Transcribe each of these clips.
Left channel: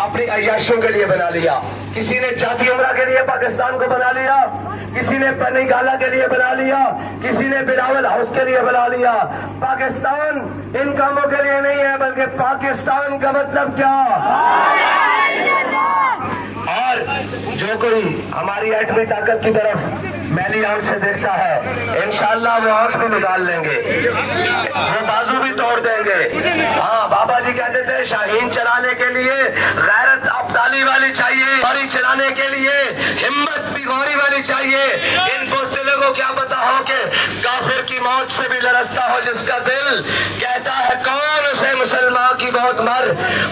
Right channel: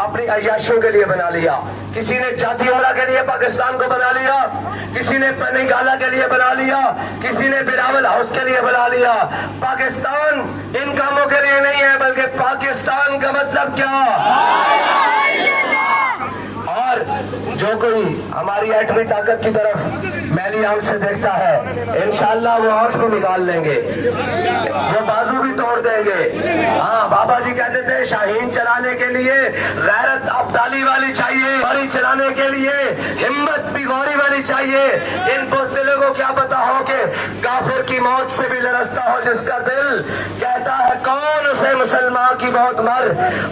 अपनी अय्याशों के लिए बना लिया, किसी ने जाती उमरा के लिए पाकिस्तान को बना लिया, किसी ने पनी गाला के लिए बना लिया, किसी ने बिलावल हाउस के लिए बना लिया। पाकिस्तान इन कामों के लिए नहीं है, बल्कि पाकिस्तान का मतलब क्या। और जो कोई हमारी एटमी ताकत की तरफ मैली आंख से देखता है, इंशाअल्लाह वो आंख भी निकाल लेंगे, वो बाजू भी तोड़ देंगे। हाँ, बाबा जी कहते थे शाहीन चलाने के लिए गैरत अब्दाली वाली चाहिए, गाड़ी चलाने के लिए हिम्मत भी गौरी वाली चाहिए। इन बुज़दिलों को क्या पता हो कि काफिर की मौत से भी लरसता हो जिसका दिल कहता है कौन उसे मुसलमान की मौत मर।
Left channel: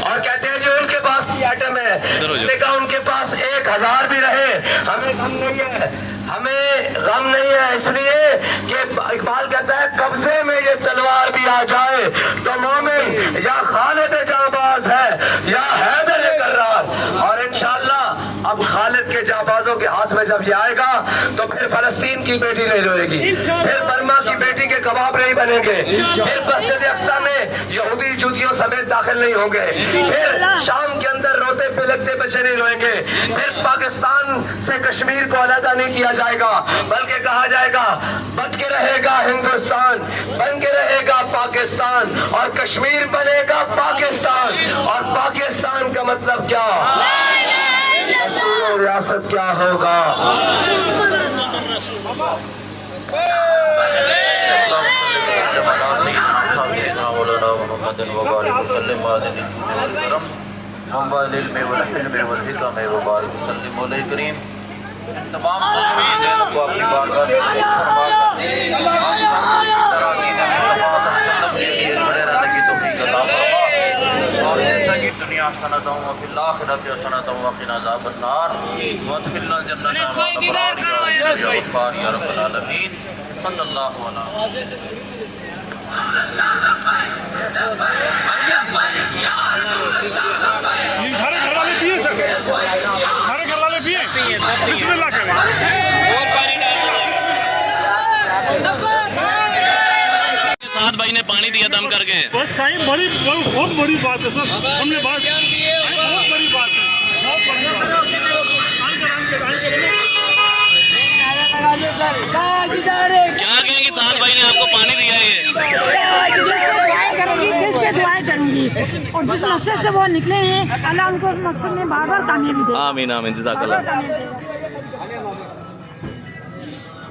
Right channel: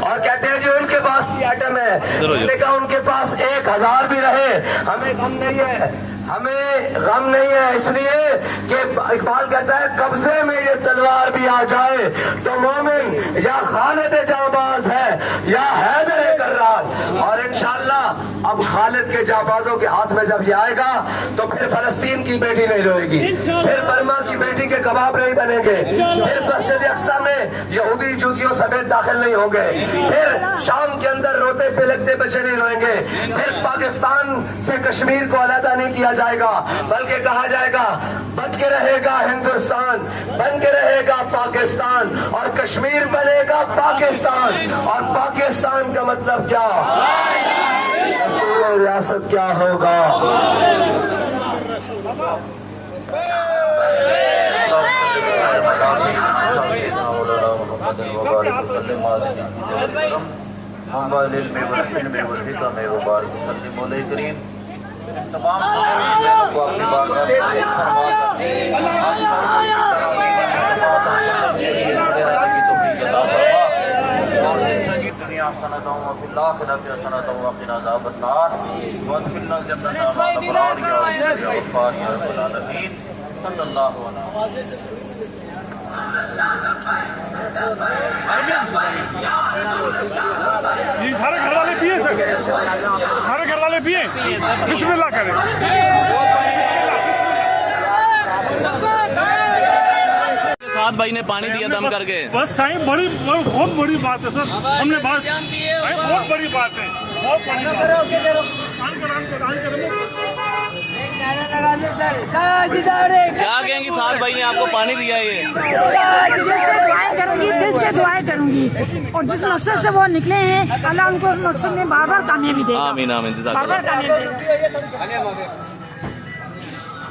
और कहते हैं जो उनके पास एटम है, उनके पास 1000 भी रहे हमें गम नहीं है, हमें गम नहीं है, इसलिए कि इकबाल कहता है कब्जे में ये तलवार भी आ जाए तो मोमिन या खालिद जाबाज है या हैदर कर्रार। और इंशाअल्लाह अब खालिद के जाबाजों के हाथ में जब ये आएगा तो फिर फलस्तीन की बेटी नहीं रोएगी, फिर बर्मा की बेटी के कबाब नहीं बनेंगे, फिर मस्जिद अक्सा में यहूदी जूतियों समेत दाखिल नहीं होंगे, फिर शाम के अंदर रोते पिलकते बच्चे नहीं रोएंगे, फिर पाकिस्तान से कश्मीर को अलहदा नहीं किया जाएगा, बल्कि कहा जाएगा बन के रहेगा हिंदुस्तान, बन के रहेगा पाकिस्तान, और कश्मीर बनेगा पाकिस्तान। और पाकिस्तान का मतलब क्या, रियासत क्या होगा। तमाम को अपनी बारगाह से फरमा कर हम सबको इस तरह खड़े रहने की तौफीक अता फरमा। और जैसा कि दुनिया सनतों व फिल आखिरत सनतों व क़िना अज़ाबन नार वदखिलनल जन्नत मअल अबरार या गफ़्फ़ार या रब्बल आलमीन सल्लल्लाहु अलैहि ये सारे घर वाले पिए सर, सारे घर वाले पिए, बिस्मिल्लाह करें। साथ भाई ने पानी दिया दम करके, बस साईं बहुत बड़ी बात है सर, हमने बात बहुत बड़ी बात है, बहुत बड़ी क्या कहेंगे साथ भाई ने आपको पानी दिया ये, दिल से दुआएं करूंगी और जिस मकसद से वो निकले हैं अल्लाह उनको उस मकसद में बार बार कामयाबी दे। आमीन आमीन, जज़ाकल्लाह।